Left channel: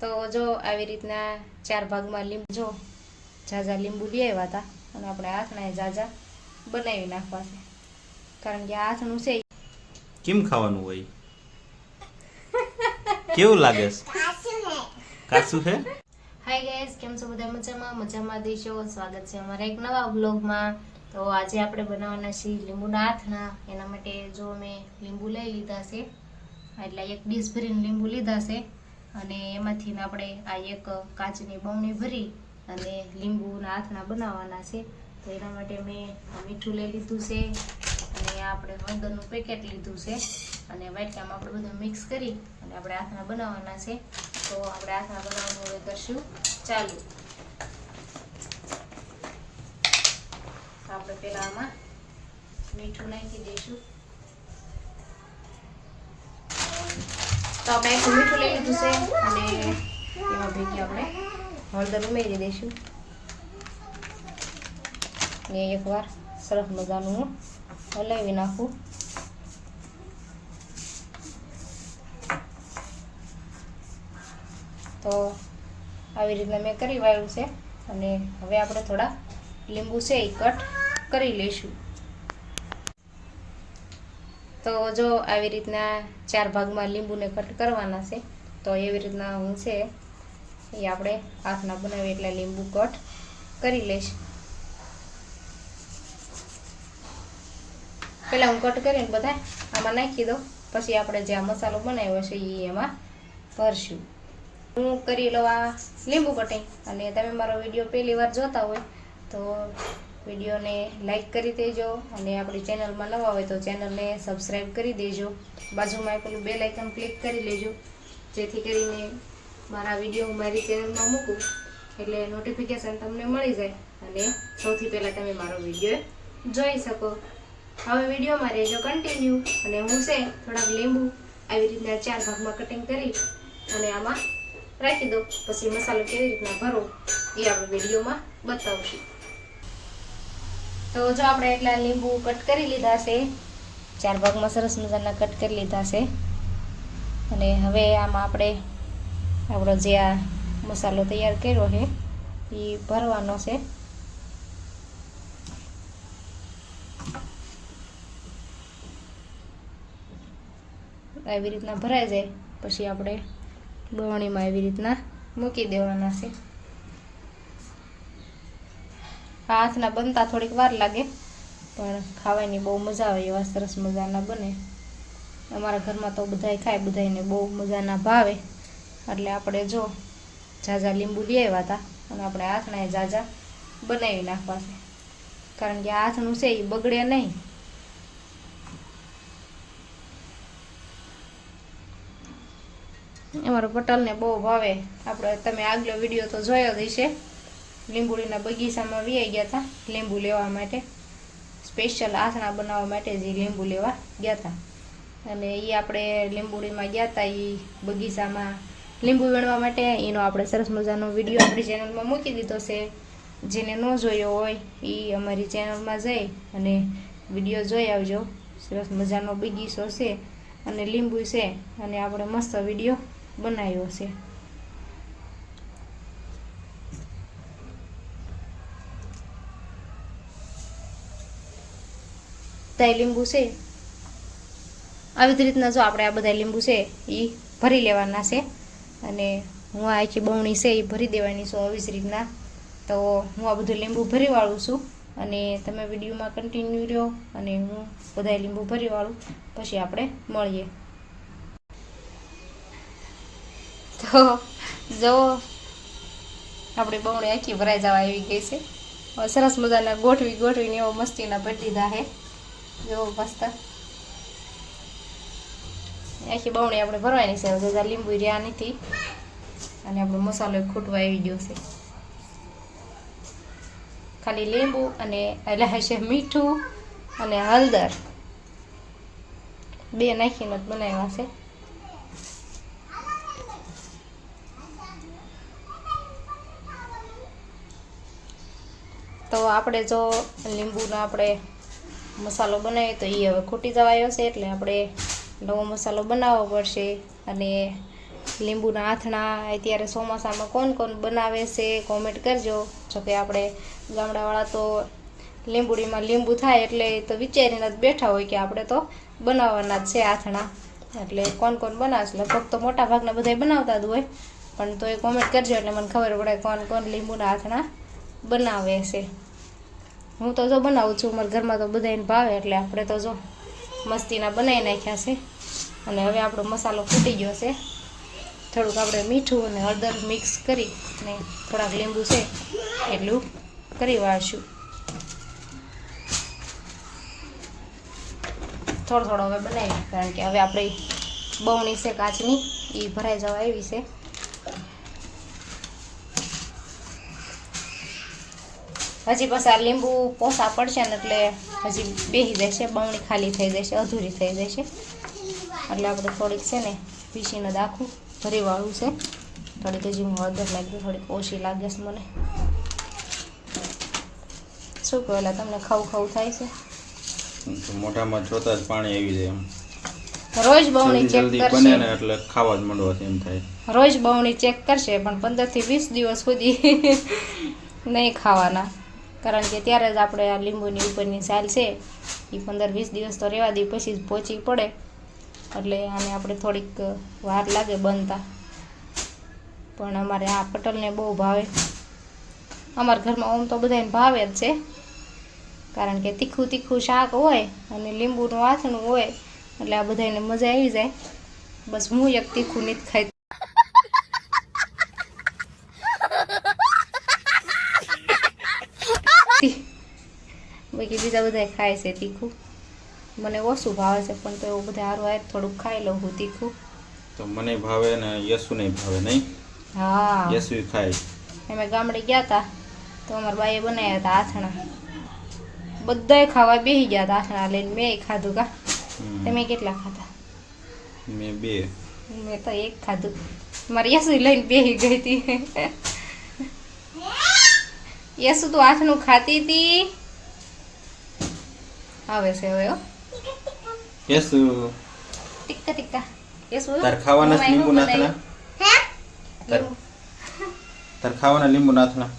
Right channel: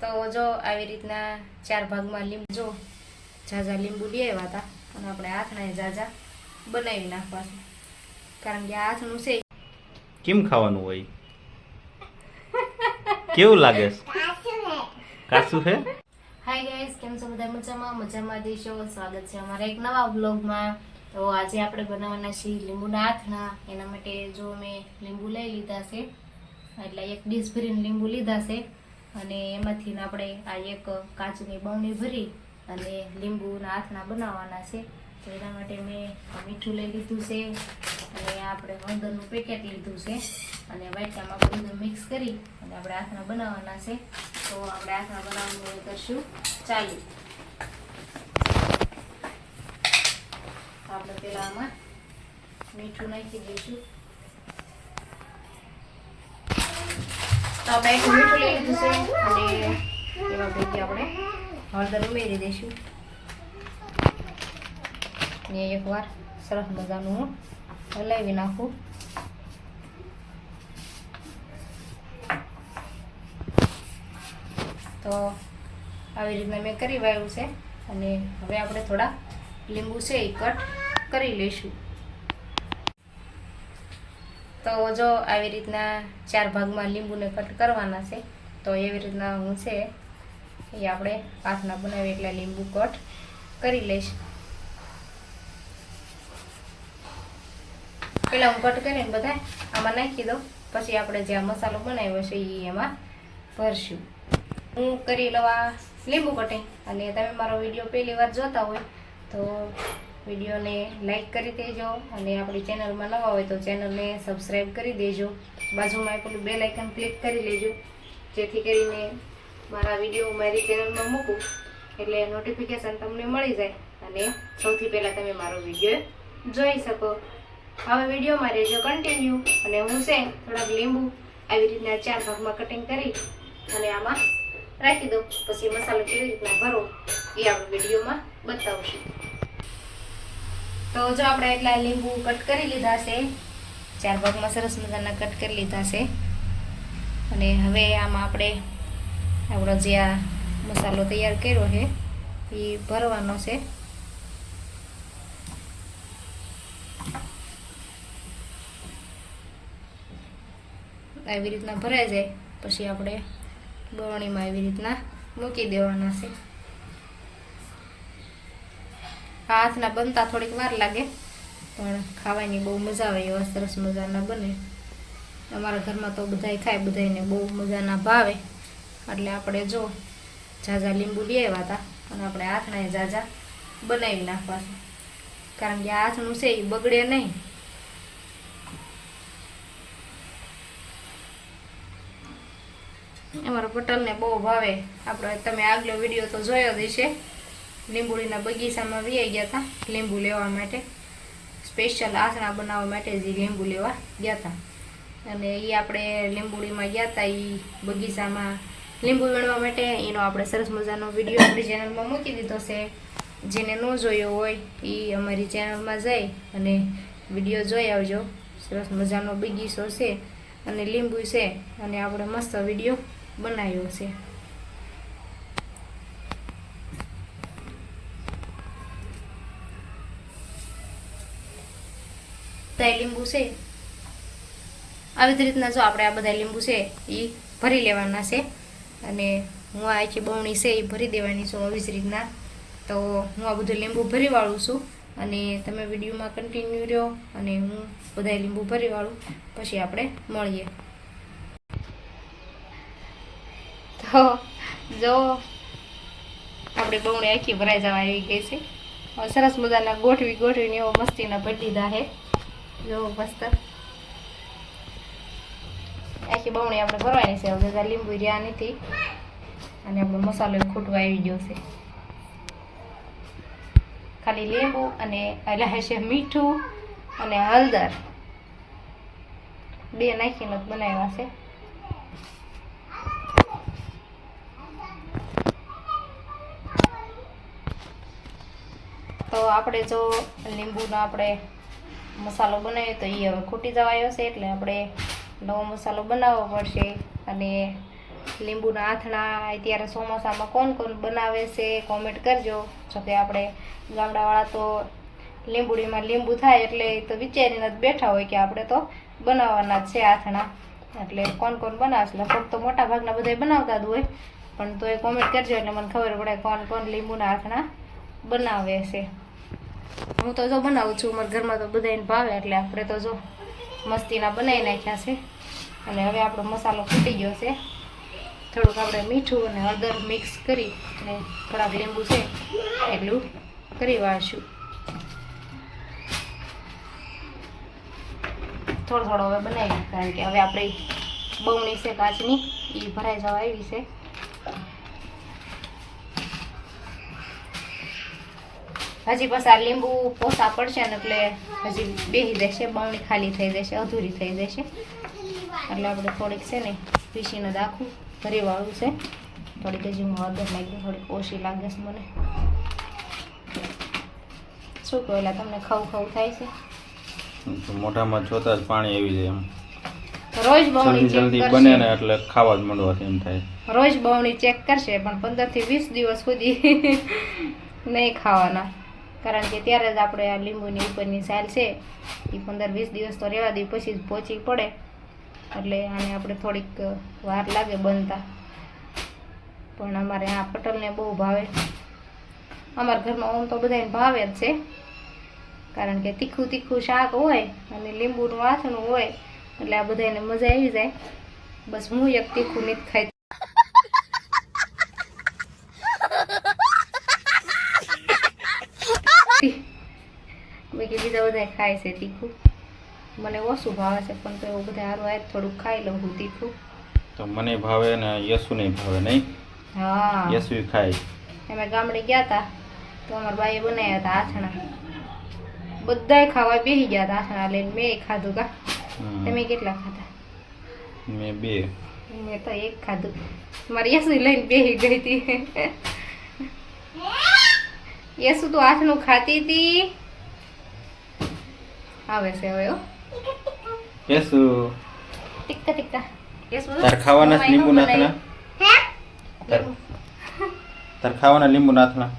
તો જો આવી રીતના ચાર ભાગમાં લીંબુ જો ઝાઝા લીંબુ લઈ આવ્યા હતા અને આપણે હાથના ઝાઝા બનાવી નાખવા છે. કારણ કે હાથનું છે. કેમ ખાવાનું હોય? કેવું લાગે છે? હાય ગાઈસ કેમ છો બધા? મજામાં? મજામાં દેશો. સ્વાગત છે અમારા એક નવા બ્લોગમાં તો આજે આપણે બનાવવાના છીએ લીંબુના હાથના. એના માટે જો મેં લીંબુ લઈ લીધા છે. એટલે એક ડીશ ભરીને લીંબુ લીધા છે. અને એમાંથી આપણે આ એક કાચની બમણી ભરી અને લીંબુના હાથના બનાવવાના છે. તો એના માટે મેં મીઠું લઈ લીધું છે. અને આપણે હળદરનું પેકેટ લીધું છે. અને વાટકામાં બધું મિક્સ કરી અને આપણે હાથના બનાવવાના છે. તો આપણે હાથના બનાવવાનું હવે કરશું. ચાલુ. આપણે પહેલાં આમાં મીઠું નાખી દઈશું. તો આપણે મીઠું લઈ લીધું છે અને એમાં ભેગી આપણે હળદર ઉમેરી દઈશું. ને એકવાર સરસ મજાનું હું હલાવી નાખું. તો આવી રીતના મેં કરી વાળ્યું છે અને હવે આપણે થોડા લીંબુ છે એ કટ કરી લઈશું. તો જો આવી રીતના ચાર ભાગમાં લીંબુને કટ કરવાના છે, તો એવી રીતના હું છે એ આપણે હાથના બનાવી એટલે લીંબુ કટ કરી લઈશ. પહેલાં હું કટ કરીને બધા આમાં નાખી દઉં, પછી આપણે જે આ મસાલો બનાવ્યો છે એ એમાં ભરશું. હું કરી લવા લીંબુ કટિંગ. અને તમે મારો વીડિયો પહેલી વાર જોતા હોય તો વિડીયોને લાઈક કરી દેજો અને આપણી ચેનલમાં નવા હોય તો ચેનલને સબસ્ક્રાઈબ કરી દેજો. બાજુમાં પેલું બે લાઇકન ક્લિક કરી લેજો. જેથી કરીને મારા વીડિયો મારી ચેનલમાં મૂકું એટલે નોટિફિકેશન તમને મળી જાય અને સૌથી પહેલાં તમે મારો વીડિયો જોઈ શકો. હવે વિડીયોમાં રહેજો કન્ટિન્યુ અને હું છે થોડાક લીંબુ આવી રીતના ચાર ભાગમાં કટિંગ કરી અને આમાં રાખી દઉં. પછી મસાલો કેવી રીતના ભરો એ આપણે વિડીયોમાં બતાવશું. તો જો આપણે એટલા લીંબુ કટ કરી લીધા છે, ચાર ભાગમાં સરસ મજાના કટ કરી લીધા છે. અને હવે આમાં આપણે આપણો જે આ મસાલો તૈયાર કર્યો છે, એ ભરવાનો છે. આવી રીતના ભરાઈ જાય, પછી આપણે બવણીમાં એવી રીતના મૂકી દેવાના છે આ હાથના બનતા થોડીક વાર લાગે, પણ ખાવાની બહુ મજા આવે એવા સરસ મજાના બને. અમારા ઘરમાં તો બધાય ખાય, બધાયને બહુ મજાના ભાવે. એટલે આપણે જો ઝાઝા લીંબુ લઈ આવ્યા હતા અને આપણે હાથના ઝાઝા બનાવી નાખવા છે. કારણ કે હાથનું છે, એ બગડે નહીં. અમારા પટેલને બહુ ભાવે. આપણે તમે આગલો વીડિયો તો જોયો જ હશે. લીંબુડીના બગીચામાં વી ગયા હતા લીંબુ લેવા માટે. સ્પેશિયલ આસણા બનાવવા માટે જે લીંબુ લેવા ગયા હતા અને એ આપણે લીંબુડીમાં ગયા હતા એ બગીચામાં લીંબુ વીણવા માટે. એનો આપણે સરસ મજાનો વીડિયો આપણી ચેનલમાં મૂકી દીધો છે. જેને ન જોયો હોય એ અમારી ચેનલમાં જઈ અને વીડિયો જોઈ આવજો. સરસ મજાનો બગીચો છે અને લીંબુ છે અને આપણે મસ્ત વીડિયો બનાવ્યો છે. બધા લીંબુ છે. આવી જ રીતના જો આપણે આ બધા લીંબુ છે એ ભરી લેવાના છે. અને હું આ આખી બવણી છે એ ભરી દેવાની છું આવી જ રીતના. તો હું આ બધું લીંબુ ભરી વાળું છું. અને તમે વિડીયોમાં કન્ટિન્યુ રહ્યો અને હું બધા લીંબુ ભરી વાળું. પછી આપણે મળીએ. તો જો આપણે બવણી આખી ભરાઈ જવા આવી ગઈ છે. સરસ મજાના ગોઠવી ગોઠવીને એવો મસ્તીના ભરી દીધા છે. જો, મસ્ત. આખી બમણી આપણે ભરવાની છે. હવે લીંબુ રહ્યા નથી. અને આપણો મસાલો ખૂટવા આવી ગયો છે. ખાલી લીંબુ અને એટલે હશે મીઠું અને હળદર. બે નાખીને બનાવ્યા છે. તો આપણે જો લીંબુના આપણે મસાલો બનાવ્યો તો એ હવે ખૂટી જવાયો છે, એટલે આપણે નવો મસાલો બનાવવો પડશે. અને લીંબુના આથણા અત્યારે ચોમાસામાં કોણ કોણ બનાવે છે કોમેન્ટ કરજો. જોકે આપણે ગામડાવાળા તો લીંબુડીમાં લીંબુ થાય એટલે તો વિચારીને જ બેઠા હોય કે આપણે તો બનાવવાના જ છે આથણા. એટલે કોણ કોણ બનાવશે લગભગ તો મોટા ભાગના બધા બનાવતા જ હોય. પણ તો એ કોમેન્ટ કરજો એટલે મને ખબર પડે કોણ કોણ લીંબુના આથણા બનાવે છે. હું તો જો બનાવું છું. મારા ઘરમાં તો બધાને ભાવે એટલે આપણે તો જો મસ્તીના બનાવી નાખ્યા છે. અને હવે આપણો મસાલો ફૂટી ગયો છે. થોડુંક આપણે મીઠું અને હળદર મિક્સ કરી અને થોડાક લીંબુ છે એટલું કરી વાળશું. થોડો થોડો હવે બનાવી કારણ કે હવે આપણે બહુની છે કાચની એ ભરાઈ જવા આવી છે. હજી પાછા આ લીંબુ પોસા પડશે ને એટલે હજી બેસી દેશે બમણી ખાલી થઈ જશે અધૂરી થઈ જશે. એટલે આપણે થોડીક છે ને પીસીને દાખું ભરી વાળું છે. થોડીક હજી હું વગર નાખી થોડીક ઓછી લાગે છે મને. શું કહો એટલે તમને ખવું ખવું થાય છે? મોટામાં જોતા જ પાણી આવી જાય એમ. રોજ બમણી જલ્દી બને ને એટલે ખાવા જ માંડવાથી એમ થાય. રોજ બમણી ચેક કરશે પણ પંદરથી વીસ દિવસ સુધી નહીં ખાવાના. કારણ કે ત્યારે જ આપણે આ લીંબુની ઉપરની સાલ છે એ પંદર વીસ દિવસ તો રહેવા દઈએ, પછી જ પહોંચી પડે. એટલે આને આપણે થોડીક વાર લાગે બનતા. પણ અમારે આ પટલને બહુ ભાવે. અમારા ઘરમાં આમ તો બધાને ભાવે જ છે. કારણ કે તીખું તીખું શાક હોય અને લીંબુનું આથણું હોય, એટલે આ બધાને મજા આવી જાય. બસ હું એક તીખું નથી ખાઈ બીજા બધા ખાય છે તીખું. મને ઓછું ભાવે છે પણ તો બધા હારું હાર થોડુંક ખાઈ લઉં હું તીખું. તો મને ભાવે ને યસુ નહીં ભાવે નહીં? હા. યસુ ખાય. અમે ગામડે ગયા હતા તો અમારા બાઈએ બનાવ્યા હતા આથણા. બધાય ખાવા બેસી ગયા હતા આથણા લઈને મેં ખાધું કા. તમે કેટલા ખાધા? મેં બે. મેં તો એક ખાધું. મારી યસુ લઈને બેસી ગઈ હતી. યસુ તું આથણું ખાતી હતી. આવે છે હવે હો યસુ ટીક્કા ટીક્કા યસુ તાર ખાવાના લીંબુ લીંબુ નાથના તાર તાર ખાવાના લીંબુ નાથના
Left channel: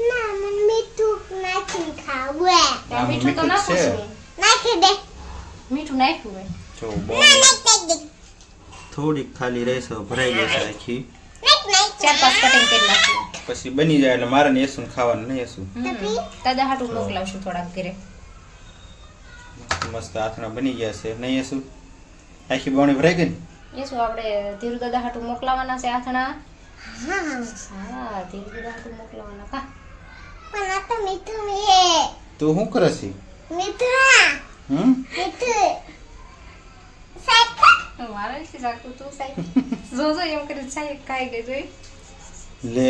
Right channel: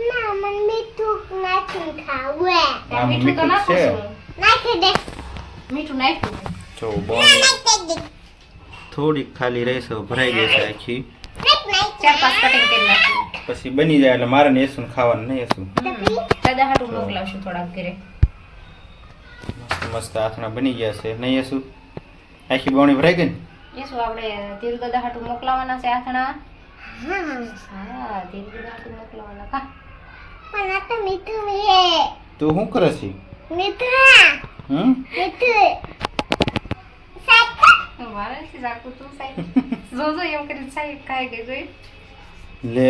ના આમ મીઠું તો મીઠું તો છે. નાખી દે મીઠું નાખ્યું જો બોલ થોડીક ખાલી રહેશે ભરાઈ જશે છે આખી. ચાર પાંચ કટિંગ કરી નાખી. પછી બની જાય એટલે મારે ને એસું ખાવાનું નહીં યસુ દાદા હાટું મોકલાવશું થોડાક ઘરે. મસ્ત આથણા બની ગયા છે. નહીં યસુ? આખી બોણી ભરાઈ ગઈ ને? એ શું આપણે ધીરુ દાદા હાટુ મોકલાવાના છે આથણા હા. ધીરુ દાદા હાટું મોકલાવાના. કા તું શું કરે છે? હમ? મારે નથી જાગતું તું સાહેબ જો જો એમ કરી સાહેબ ખાઈ ગઈ જોઈ. લે.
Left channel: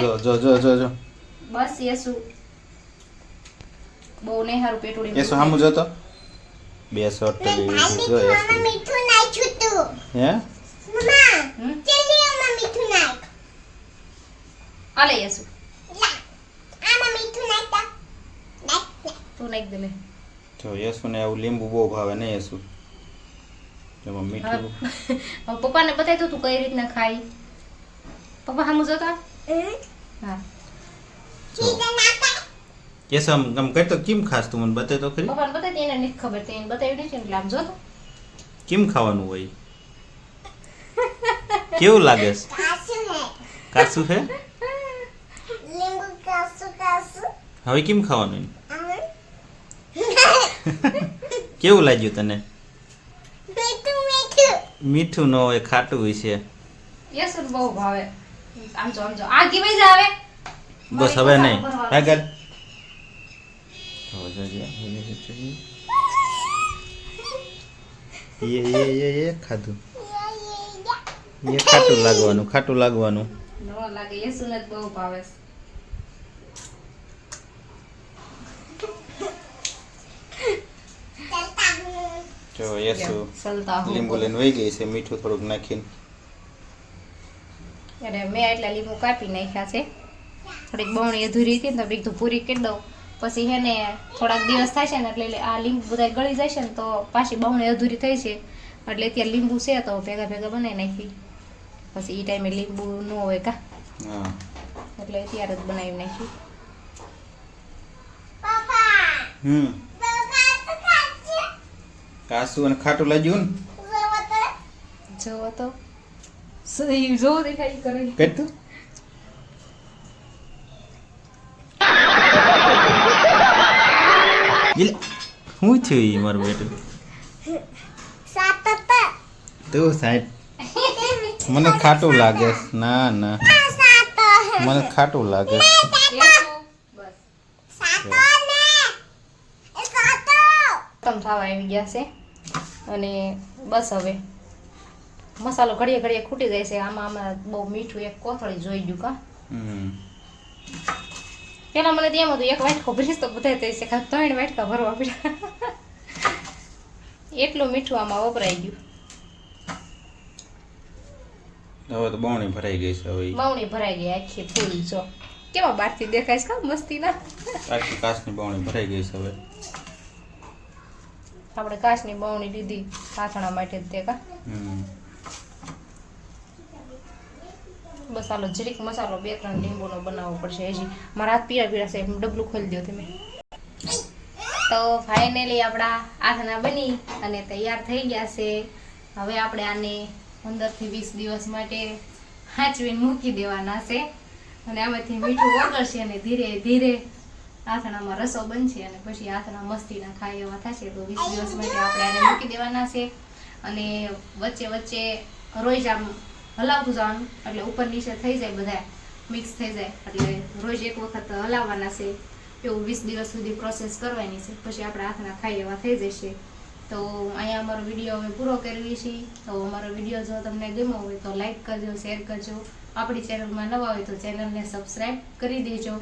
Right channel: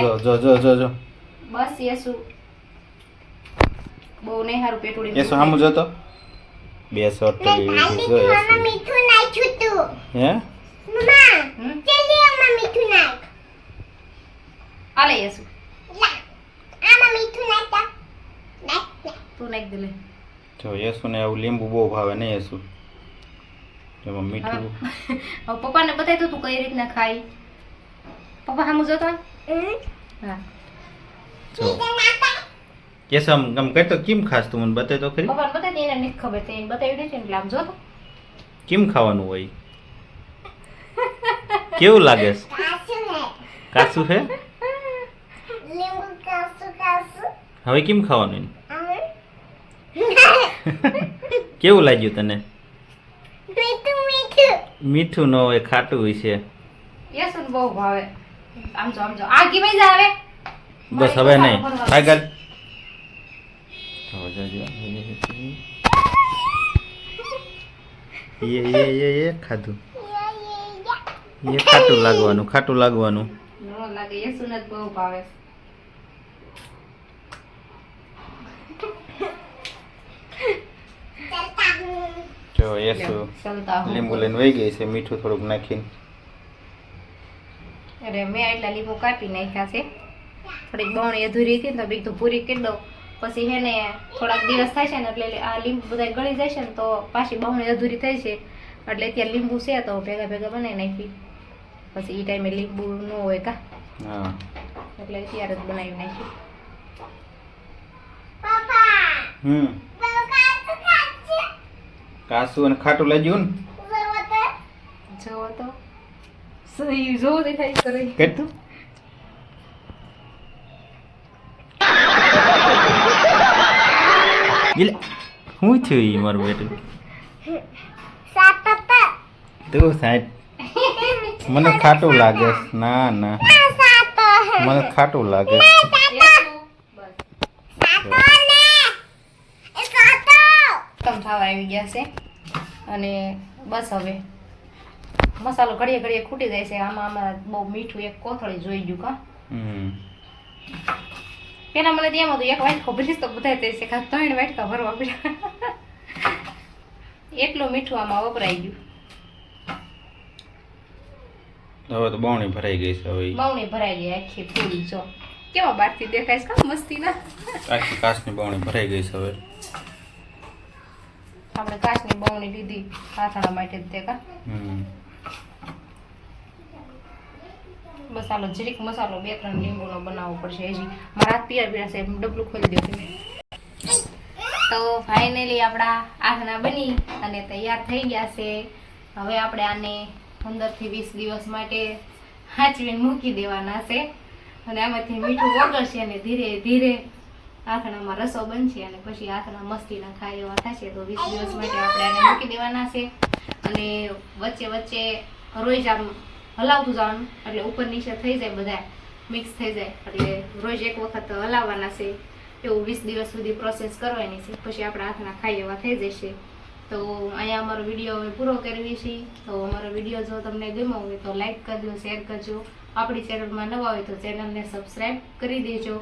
જો જો જો જો જો બસ યેસુ. બહુ નહીં સારું પેટુડી યસુ સામું જોતો. બે પેલી લીધી જો યસુ હે? આલે યેસુ તું. નાખ દે લે. જો યસુ ને આવું લીંબુ બહુ ભાવે નહીં યસુ જેમાં મીઠું. પપ્પાને બતાવી તો તું કઈ રીતના ખાઈ પપ્પા સામું જોતા? હા. જો યસુ આમ આમ કઈ તો કેમ ખાસ તું મને બતાય તો ખરી? પપ્પાને બતાય એને નથી ખબર તેને બતાવી દે છે એટલે આમ જોતો. કેમ ખાવાનું હોય? કેવું લાગે? છે કાચું છે હવે કેમ ખાવાનું? કેવું લાગ્યું તને? મીઠું ન હોય ખાટું હોય છે. યસ બહુ ભાવે. આમ જો આમ જો. આ કેવાય જ આવે બસ હવે નહીં. આગળ. એ એ એ ખાધું એ ખાટું લાગવાનું ખાટું લાગવાનું નો લાગે એ સુનત બહુ ભાવે જો યસુ લીંબુ લઈને વહી ગઈ છે મીઠું થોડુંક નાખીને. અરે મેં એટલા લીંબુ કાપી નાખ્યા છે. થોડીક બમણી અધૂરી હતી ને તો બીજું પૂરી કરી દઉં. પછી હેને થોડાક દિવસ થાય છે ને એટલે આ લીંબુ બધા ગળી જાય છે ને તો પાછી બમણી અધૂરી થઈ છે. એટલે અત્યારે લીંબુ છે તો ભેગા ભેગા બનાવી નાખી. પછી એ ટાઈમે લીંબુ ન હોય કા. એટલે અત્યારે જ બનાવી નાખ્યું હમ. કાસુ અને ખાટું લાગ્યું ને? જોવો તો. જોવો દેખાય કરે કેટલું એટલે શું થયું ઈ મારું બેટું? તું સાહેબ મને ખાટું લાગે ના ના. મને ખાટું લાગે છે. થવા આવી ગયા છે. અને બસ હવે મસાલો ઘડીએ ઘડીએ ખૂટી જાય છે. આમાં અમારા બહુ મીઠું એક કોથળી જોઈ ગયું કા? પેલા મને એમ હતું એક વાટકો ભરીશ તો બધા છે કાં ત્રણ વાટકા ભરવા પડ્યા. એટલું મીઠું આમાં વપરાઈ ગયું. હવે તો બવણી ભરાઈ ગઈ છે હવે. બવણી ભરાઈ ગઈ આખી ફૂલ જો. કેવા બારથી દેખાય છે કા મસ્તી ના આખી કાચની બવણી ભરાઈ ગઈ છે હવે. આપણે કાચની બવણી લીધી. કાથણા માટે જ તે કા હમ. બસ આલો જરીક મસાલો, બે ત્રણ લીંબુનો બનાવવો પડશે હજી. મારા હાથ પીળા પીળા સાહેબ ડબલું ખોલી દો તો ફાઇનલી આપણા આથણા બની અને તૈયાર થઈ ગયા છે. હવે આપણે આને પંદરથી વીસ દિવસ માટે હાચવીને મૂકી દેવાના છે. અને આમાંથી મીઠું વગરશે અને ધીરે ધીરે આથણામાં રસો બનશે અને પછી આથણા મસ્તીના ખાય એવા થશે. તો વીસ દિવસ માટે આપણે આને મૂકી દેવાના છે. અને વચ્ચે વચ્ચે રોજ આમ હલાવતું જવાનું એટલે ઉપર નીચે થઈ જાય બધા. મિક્સ થઈ જાય. એટલે રોજ એક વખત હલાવવાના છે. એવું વીસ દિવસ સુધી પ્રોસેસ કરવાની છે. પછી આપણા હાથના ખાઈ એવા થઈ જશે. તો અહીંયા અમારો વીડિયો હવે પૂરો કરવી છે તો અમારો વીડિયો જો તમને ગમ્યો હોય તો લાઇક કરજો શેર કરજો. આપણી ચેનલમાં નવા હોય તો ચેનલને સબસ્ક્રાઈબ કરી દેજો.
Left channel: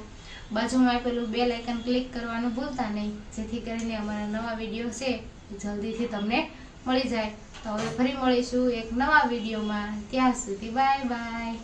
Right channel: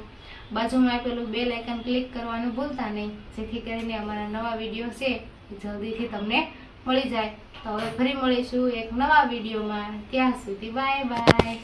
બાજુમાં આપેલું બેલ આઇકન ક્લિક કરવાનું ભૂલતા નહીં. જેથી કરીને અમારા નવા વીડિયો છે જલ્દીથી તમને મળી જાય. તો હવે ફરી મળીશું એક નવા વિડીયોમાં. ત્યાં સુધી બાય બાય.